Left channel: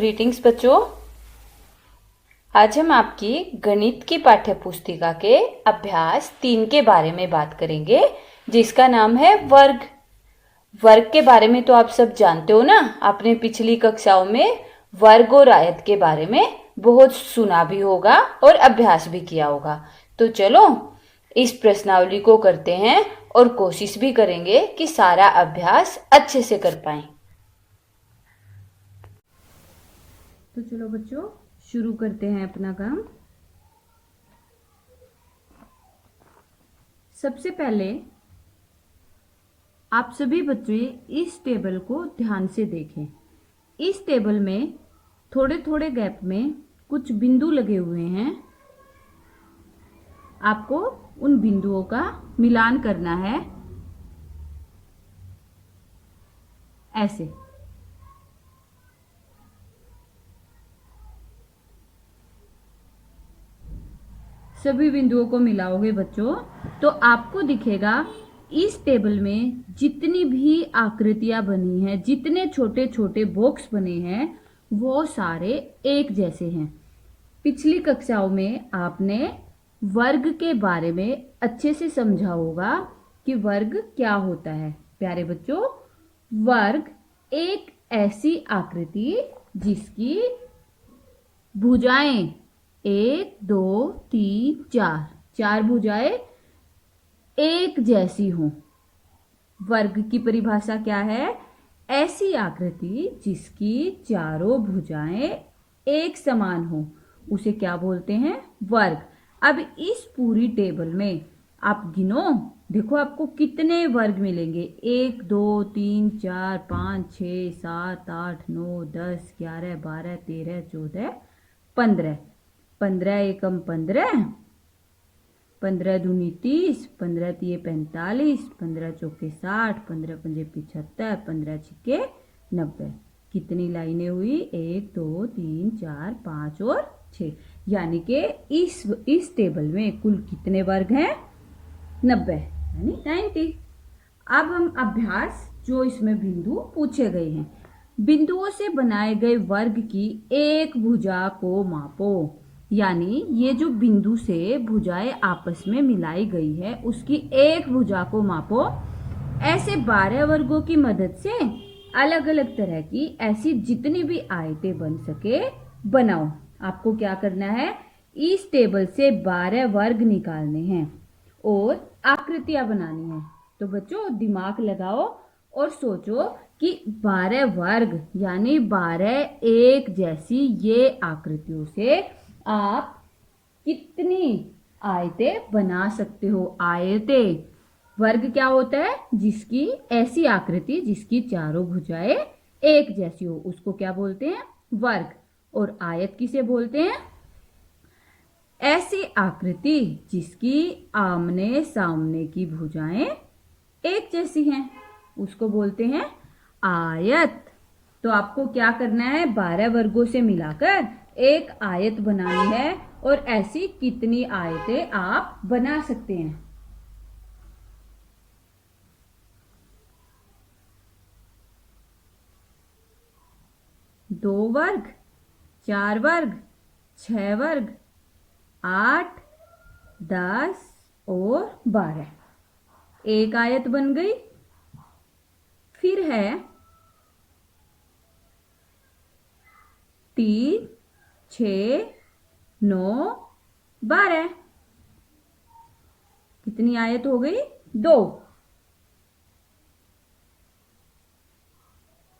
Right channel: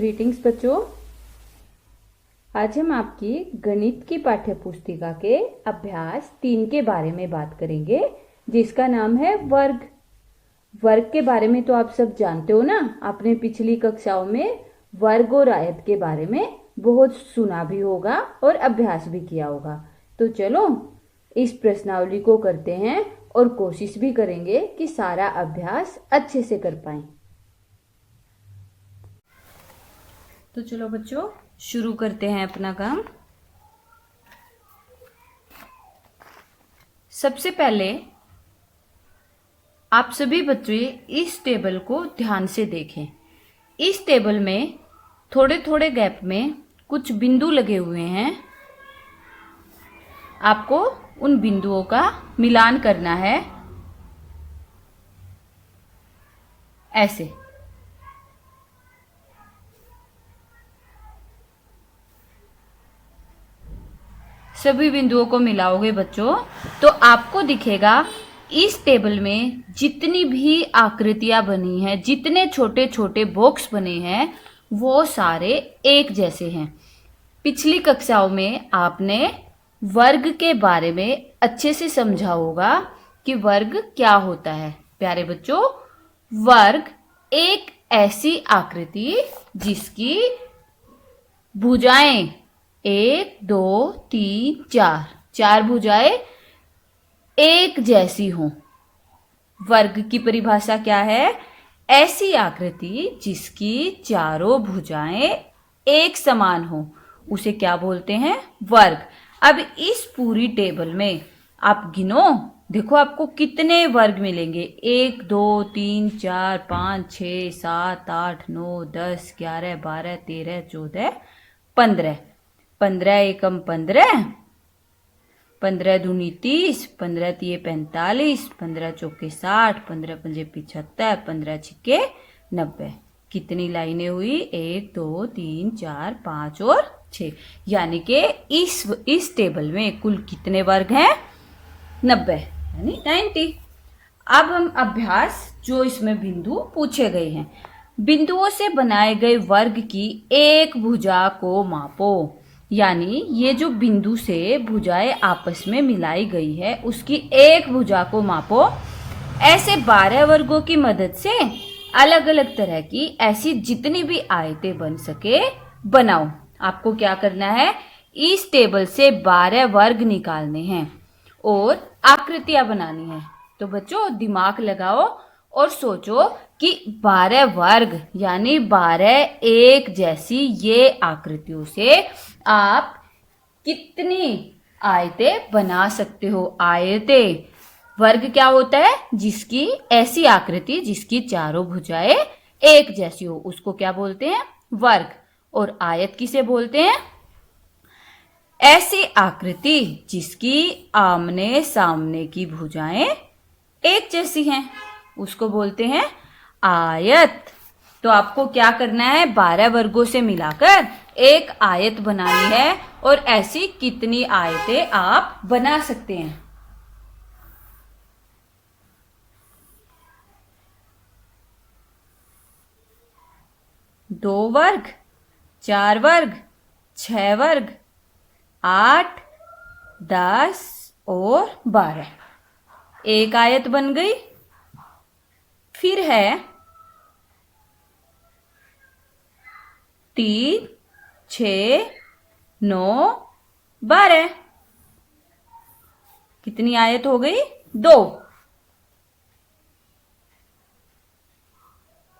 Greetings बच्चों। आज हम आपकी गणित की पाठ्य पुस्तिका के अभ्यास 3 के बारे में बात करेंगे, जिसका नाम है वर्ग। वर्ग के बारे में तो आप सब जानते हो ना। आपने पिछली कक्षाओं में वर्ग और आयत के बारे में बहुत सुना भी होगा और अभ्यास भी किया होगा। तो चलो इस प्रश्नावली को करते हैं और कोशिश भी करेंगे कि सारा अभ्यास अच्छे से कर पाएं। तो चलो बच्चों शुरू करते हैं अपना काम। सबसे पहले आप सभी बच्चे इस टेबल को ध्यान से देखें। इस टेबल में थोड़े थोड़े गैप में कुछ बिंदु लगे हुए हैं। आपको उन बिंदुओं का मिलान करना है, ऐसे। सभी बिंदुओं को मिलाओगे बच्चों तो आपको दिखेगा इस टेबल में जितनी भी आकृतियां बनी हैं, जितने छोटे छोटे बॉक्स बने हैं, वो सारे एक जैसे हैं। पिछली कक्षाओं में आपने वर्ग के बारे में अच्छे से समझा होगा कि वर्ग क्या होता है। प्यारे बच्चों, वर्ग एक ऐसी आकृति जिसकी भुजाएं 1 2 3 4 चार भुजाएं एक जैसी हों। वर्ग की परिभाषा क्या है? ऐसी आकृति जिसकी चारों भुजाएं एक समान हो, उसे क्या बोलते हैं? वर्ग। अब इस पूरी टेबल में आप गिनो, देखो आपको कितने वर्ग मिलेंगे। 1 2 3 4 5 6 7 8 9 10 11 12 13 14 15। 15 एकम 15, 15 दूनी 30, 15 तिये 45, 15 चौके 60, 15 पंजे 75, 15 छिक्के 90। कितनी लाइनें हुई? 1 2 3 4 5 और 6। यानी कि इस टेबल में कुल कितने वर्ग हैं? 90, यानी 90। अब हम अभ्यास, जो इसमें बिंदु पूछे गए हैं, बिंदुओं से बनाए गए वर्ग की एक भुजा को मापो। यानी ये जो बिंदु से भुजाएं आपस में मिलाई गई है, उसकी एक भुजा को मापो। ऐसे 12 वर्गों की मदद से अलग अलग तरह की ऐसी जितनी भी आयतें बन सके बनाओ। आपको क्या करना है? इस टेबल से 12 वर्ग निकालने हैं और आकृतियां बनानी है। तो बच्चों दिमाग लगाओ और सोचो कि 12 वर्ग यानी 12 एक जैसी ये आकृतियों से आप कितनी आयतें बना सकते हो? आयतें, वर्ग क्या होता है? जिसकी ऐसी आकृति जिसकी चारों भुजाएं एक जैसी हो, उसको क्या बोलते हैं? वर्ग। और आयत किसे बोलते हैं? ऐसी आकृति जिसकी आमने सामने की भुजाएं एक जैसी हैं, उसको बोलते हैं आयत। तो आपको क्या करना है? 12 वर्गों से मिलाकर एक आयत बनानी है और ऐसी कितनी आयतें आप बना सकते हैं? 2 वर्ग, 4 वर्ग, 6 वर्ग, 8, 10 और 12। एक आयत बन गई। फिर है 3 6 9 12। कितनी आयत हो गई? 2।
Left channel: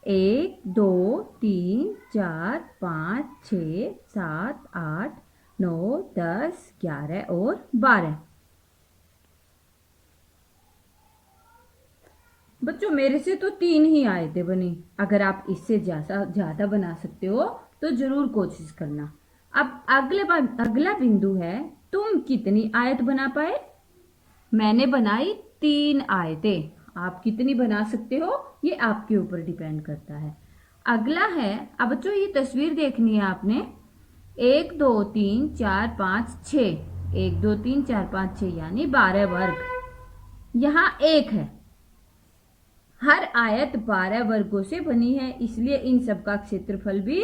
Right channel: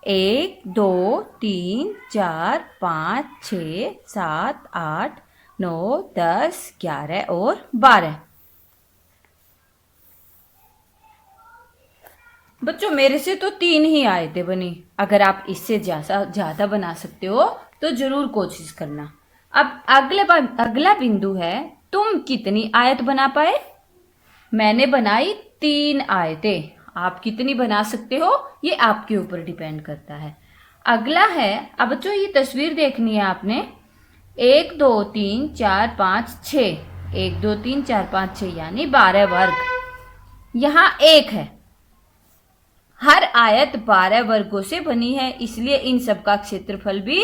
1 2 3 4 5 6 7 8 9 10 11 और 12। बच्चों मेरे से तो 3 ही आयतें बनी। अगर आप इससे ज्यादा बना सकते हो तो जरूर कोशिश करना। अब अगला बिंदु है, तुम कितनी आयत बना पाए? मैंने बनाई 3 आयतें। आप कितनी बना सकते हो ये आपके ऊपर डिपेंड करता है। अगला है, अब बच्चों ये तस्वीर देखनी है आपने। 1 2 3 4 5 6, 1 2 3 4 5 6 यानी 12 वर्ग। यहाँ 1 है। हर आयत 12 वर्गों से बनी है, इसलिए इन सब का क्षेत्रफल भी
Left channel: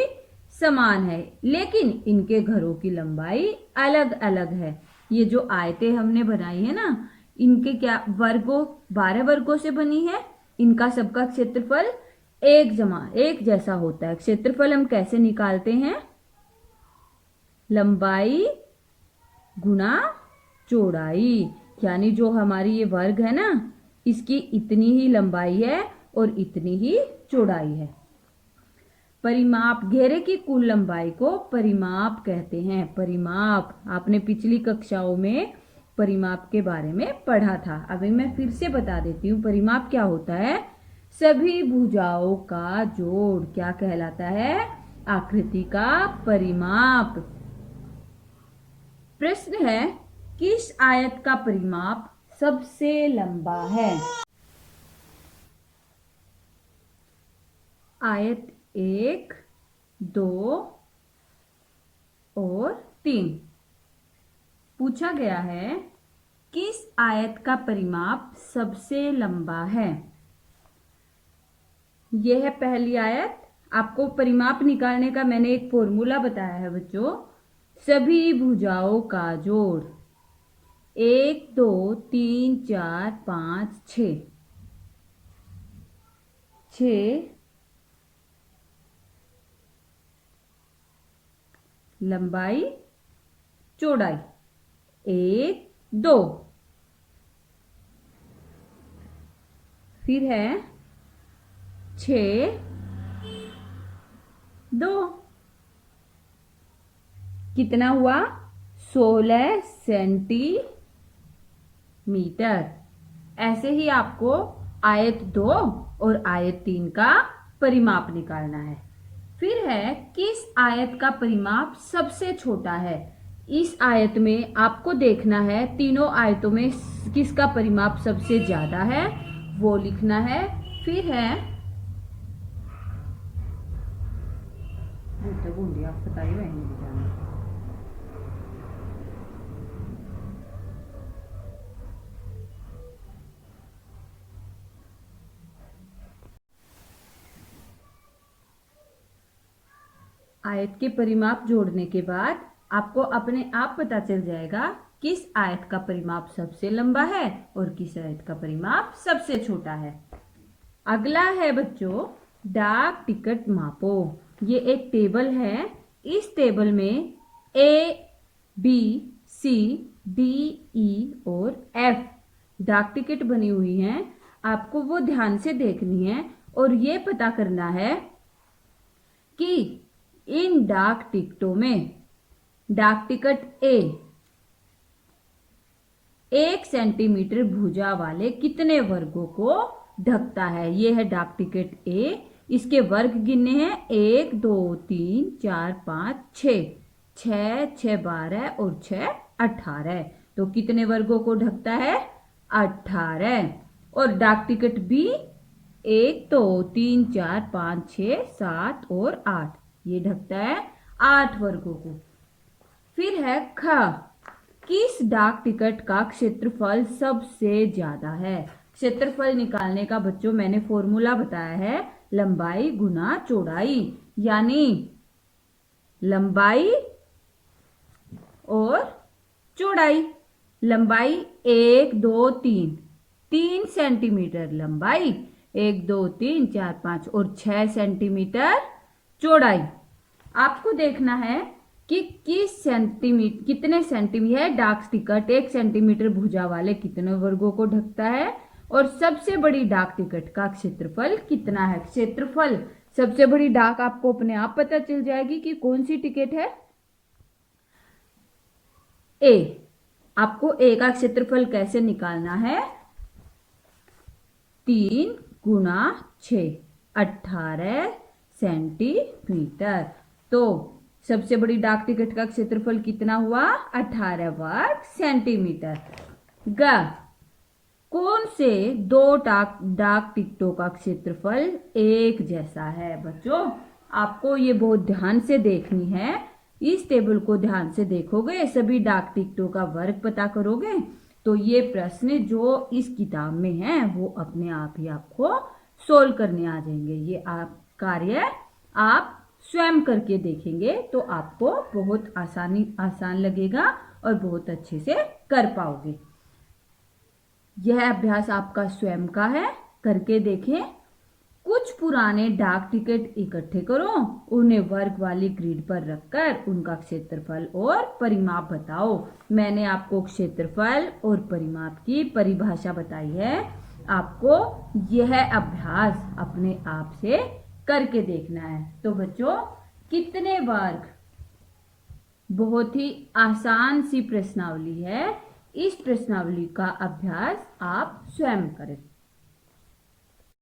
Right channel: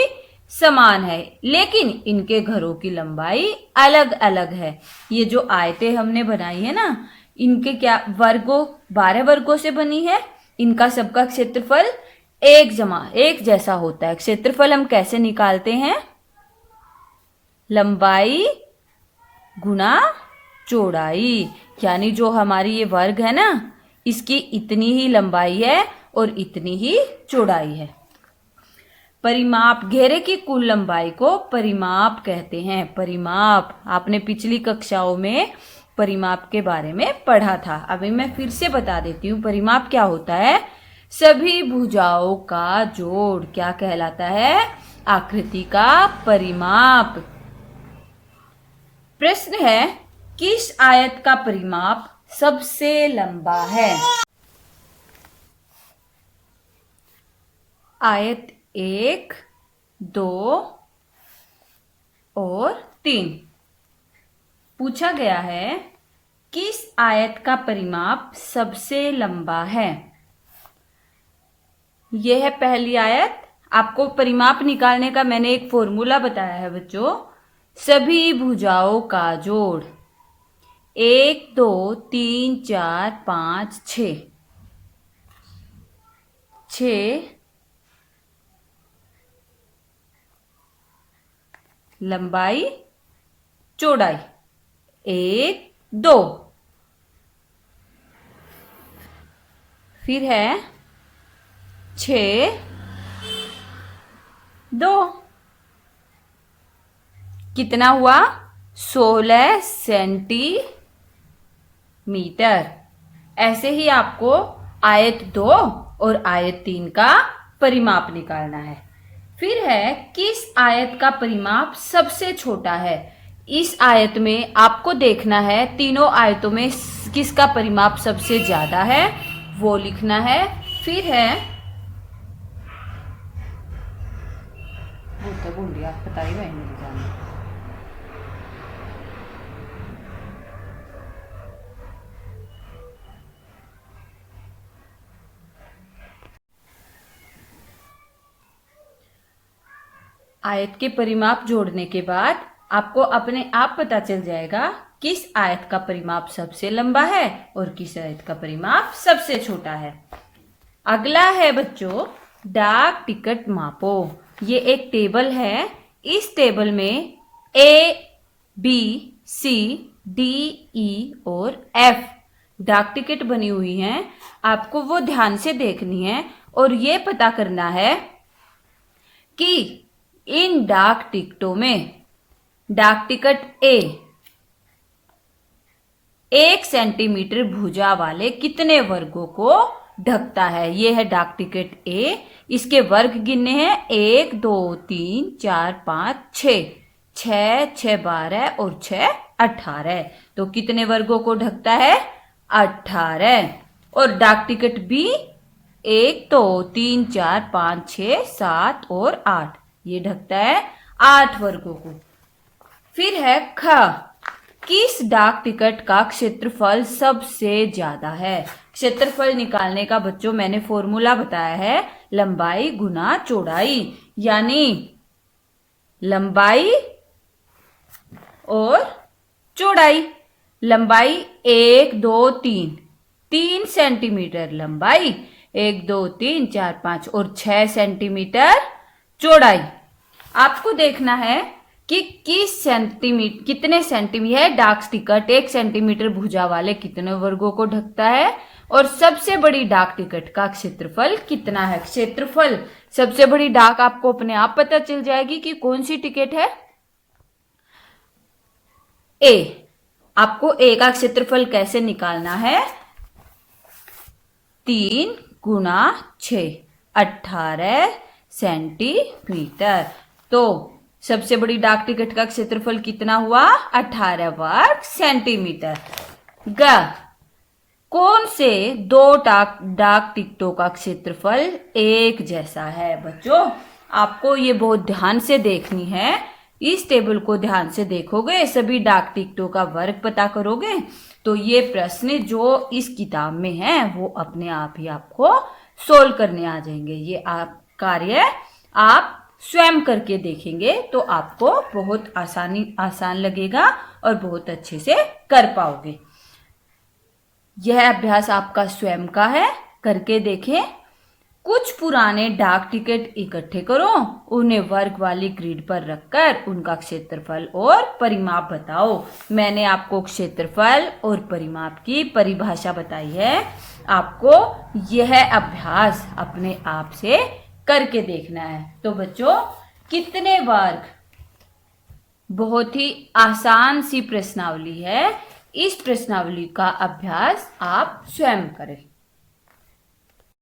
समान है, लेकिन इनके घरों की लंबाई अलग अलग है। ये जो आयतें हमने बनाई है ना, इनके क्या वर्गों 12 वर्गों से बनी है। इनका सबका क्षेत्रफल एक जैसा होता है। क्षेत्रफल हम कैसे निकालते हैं? लंबाई गुना चौड़ाई, यानी जो हमारी ये वर्ग है ना, इसकी इतनी ही लंबाई है और इतनी ही चौड़ाई है। परिमाप, घेरे की कुल लंबाई को परिमाप कहते हैं। परिमाप, आपने पिछली कक्षाओं में परिमाप के बारे में पढ़ा था। अभी मैं फिर से बता देती हूँ परिमाप क्या होता है। सभी भुजाओं का जोड़ क्या कहलाता है? आकृति का परिमाप। प्रश्न है, किस आयत का परिमाप सबसे लंबा है? आयत 1, 2 और 3। पूछा गया है किस आयत का परिमाप सबसे लंबा है? यह है पहली आयत। आपको परिमाप निकालने का मैंने एक फॉर्मूला बताया है बच्चों। सभी भुजाओं का जोड़ 1, 2, 3, 4, 5, 6। 6 लंबाई चौड़ाई 1, 2। फिर है 6, 2। कितना हुआ? 16 सेंटीमीटर। ऐसे ही आपको आयत 2 और आयत 3 का परिमाप निकालना है। फिर है किस आयत का परिमाप सबसे छोटा है? इस आयत में आपको देखना है तीनों आयतों में किसका परिमाप सबसे ज्यादा है, वो लिखना है। फिर है आयत के परिमाप जोड़ने के बाद आपको अपने आप पता चल जाएगा किस आयत का परिमाप सबसे लंबा है और किस आयत का परिमाप सबसे छोटा है। अगला है बच्चों, डाक टिकट मापो। ये एक टेबल है। इस टेबल में A, B, C, D, E और F डाक टिकट बनी हुई हैं। आपको वो ध्यान से देखनी है और ये पता करना है कि इन डाक टिकटों में डाक टिकट A 1 सेंटीमीटर भुजा वाले कितने वर्गों को ढकता है। ये है डाक टिकट A। इसके वर्ग गिनने हैं 1, 2, 3, 4, 5, 6। 6, 6, 12 और 6, 18। तो कितने वर्गों को ढकता है? 18। और डाक टिकट B 1, 2, 3, 4, 5, 6, 7 और 8। ये ढकता है 8 वर्गों को। फिर है ख, किस डाक टिकट का क्षेत्रफल सबसे ज्यादा है? क्षेत्रफल निकालने का बच्चों मैंने फॉर्मूला बताया है, लंबाई गुना चौड़ाई। यानी लंबाई और चौड़ाई। लंबाई 1, 2, 3 सेंटीमीटर लंबाई, 1, 2, 3, 4, 5 और 6 सेंटीमीटर चौड़ाई। आपको देखना है कि कितने सेंटीमीटर डाक टिकट 1 सेंटीमीटर भुजा वाले कितने वर्गों को ढकता है और सबसे बड़ी डाक टिकट का क्षेत्रफल कितना है। क्षेत्रफल सबसे बड़ी डाक आपको अपने आप पता चल जाएगी कि कौन सी टिकट है। A, आपको A का क्षेत्रफल कैसे निकालना है? 3 गुना 6, 18 सेंटीमीटर। तो सबसे बड़ी डाक टिकट का क्षेत्रफल कितना हुआ? 18 वर्ग सेंटीमीटर। ग, कौन से दो डाक टिकटों का क्षेत्रफल एक जैसा है? बच्चों आपको ये बहुत ध्यान से देखनी है। इस टेबल को ध्यान से देखोगे, सभी डाक टिकटों का वर्ग पता करोगे, तो ये प्रश्न जो इस किताब में है वो अपने आप ही आपको सोल्व करने आ जाएंगे। ये आप कार्य आप स्वयं करके देखेंगे तो आपको बहुत आसान लगेगा और बहुत अच्छे से कर पाओगे। यह अभ्यास आपका स्वयं का है, करके देखें। कुछ पुराने डाक टिकट इकट्ठे करो, उन्हें वर्ग वाली ग्रिड पर रखकर उनका क्षेत्रफल और परिमाप बताओ। मैंने आपको क्षेत्रफल और परिमाप की परिभाषा बताई है। आपको यह अभ्यास अपने आप से करके देखना है। तो बच्चों, कितने वर्ग, बहुत ही आसान सी प्रश्नावली है। इस प्रश्नावली का अभ्यास आप स्वयं करें।